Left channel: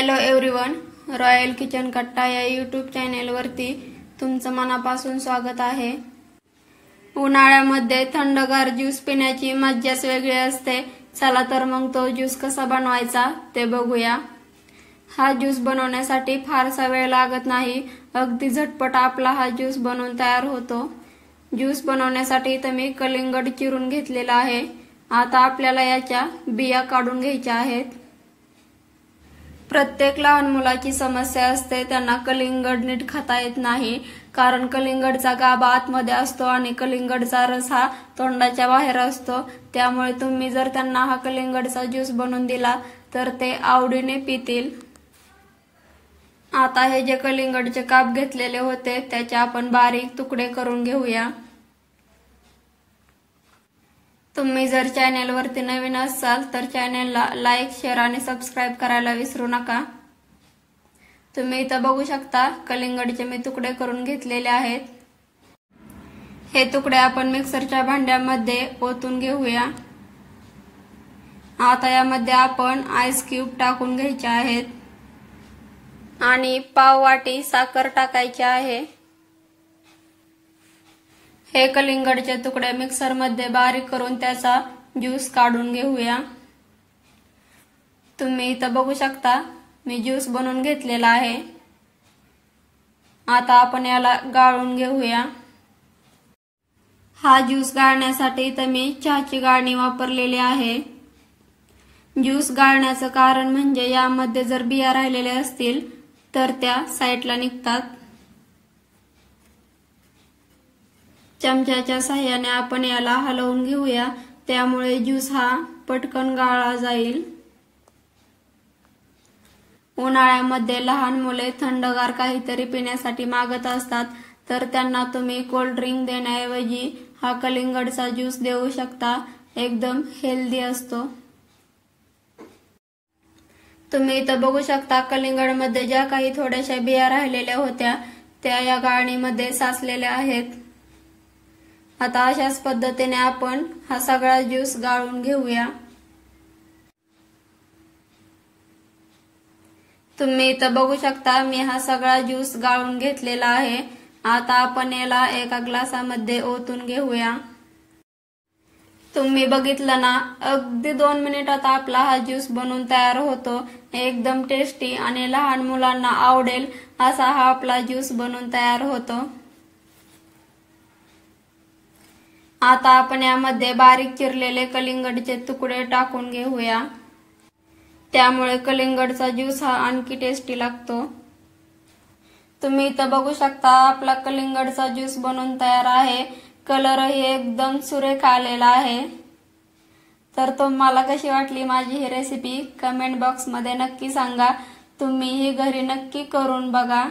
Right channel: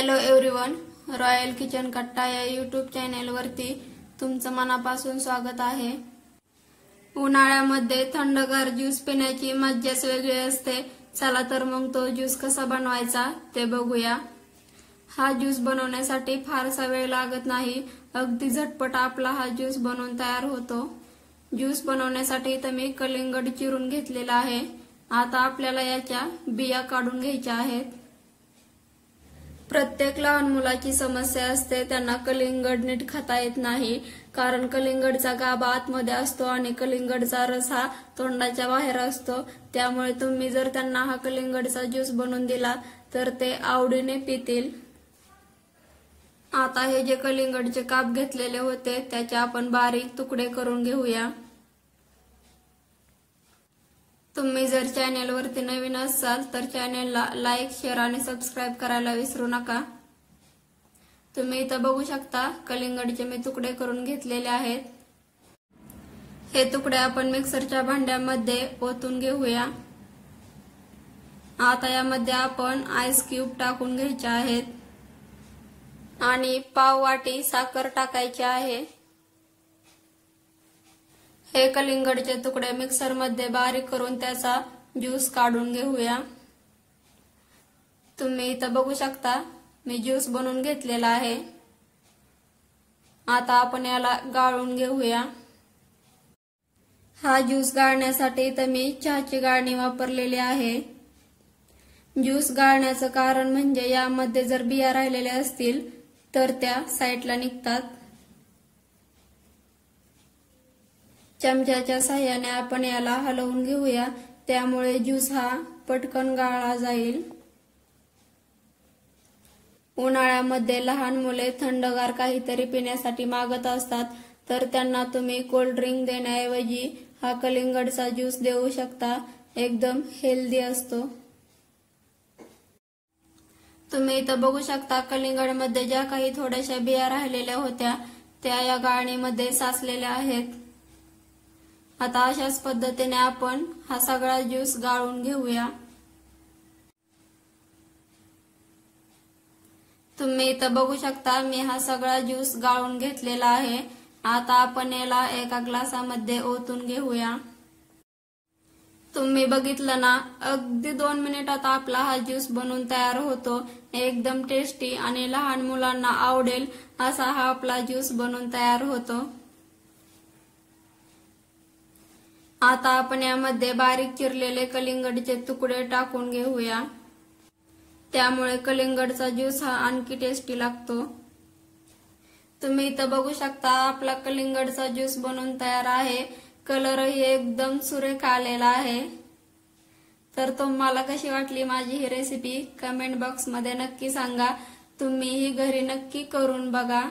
Hello everyone, royal kitchen कट्टा या YouTube चॅनेलवरती तुमचं मनापासून स्वागत आहे। उन्हाळ्यामध्ये थंडगार ज्यूस पिण्याची मज्जाच वेगळी असते। चला तर मग तो ज्यूस कसा बनवायचा ते बघूया। हा ज्यूस बनवण्यासाठी फारसा वेळ लागत नाही, अगदी झटपट आपला हा ज्यूस बनवून तयार होतो। ज्यूस बनवण्यासाठी इथे मी कलिंगड चिरून घेतलेला आहे। आता आपल्याला याच्या बिया काढून घ्यायच्या आहेत। प्रत्येक लहान मुलाची समस्या असते, त्यांना कलिंगड नीट खाता येत नाही, कारण कलिंगडचा गाभा आतमध्ये असतो आणि कलिंगडचा रस हा तोंडाच्या बाहेर असतो। त्यामुळे तुम्ही जर त्यांना हा कलिंगडचा ज्यूस बनवून दिला तर ते आवडीने पितील। आता हे जे कलिंगडचे काप घेतलेले होते त्याचे आपण बारीक तुकडे करून घेऊया। तुम्ही जर चॅनेलवरती नवीन असाल तर चॅनेलला लाईक, शेअर आणि सबस्क्राइब करायला विसरू नका। तुम्ही इथं बघू शकता कलिंगडचे मी तुकडे करून घेतलेले आहेत। हे तुकडे आपण मिक्सरच्या भांड्यामध्ये ओतून घेऊया। आता यामध्ये आपण आईस क्यूब टाकून घ्यायचे आहेत आणि पाव वाटी साखर टाकायची आहे। हे कलिंगडचे तुकडे मिक्सर मध्ये बारीक करून त्याचा ज्यूस काढून घेऊया। तुम्ही इथं बघू शकता मी ज्यूस बनवून घेतलेला आहे। आता आपण याला गाळून घेऊया। हा ज्यूस गाळण्यासाठी इथं मी चहाची गाळणी वापरलेली आहे। ज्यूस गाळण्याचं कारण म्हणजे यामध्ये जर बिया राहिलेल्या असतील तर त्या साईडला निघतात। चमच्याच्या सहाय्याने आपण याला हलवून घेऊया, त्यामुळे ज्यूस हा पटकन गाळला जाईल। उन्हाळ्यामध्ये लहान मुले थंडगार काहीतरी पिण्यासाठी मागत असतात, तर त्यांना तुम्ही कोल्ड ड्रिंक देण्याऐवजी हा कलिंगडचा ज्यूस देऊ शकता। एकदम हेल्दी असतो। तुम्ही इथं बघू शकता कलिंगडमध्ये ज्या काही थोड्याशा बिया राहिलेल्या होत्या त्या या गाळणीमध्ये साचलेल्या आहेत। आता अशाच पद्धतीने आपण हा सगळा ज्यूस गाळून घेऊया। तुम्ही इथं बघू शकता मी हा सगळा ज्यूस गाळून घेतलेला आहे। आता आपण याला एका ग्लासामध्ये ओतून घेऊया। तुम्ही बघितलं ना, अगदी 2 मिनिटात आपला हा ज्यूस बनवून तयार होतो। एकदम टेस्टी आणि लहान मुलांना आवडेल असा हा आपला ज्यूस बनवून तयार होतो। आता आपण यामध्ये बारीक चिरलेले कलिंगडचे तुकडे टाकून घेऊया, त्यामुळे कलिंगडचा ज्यूस हा आणखी टेस्टी लागतो। तुम्ही इथं बघू शकता आपला कलिंगडचा ज्यूस बनवून तयार आहे। कलरही एकदम सुरेख आलेला आहे। तर तुम्हाला कशी वाटली माझी ही रेसिपी कमेंट बॉक्स मध्ये नक्की सांगा। तुम्ही ही घरी नक्की करून बघा।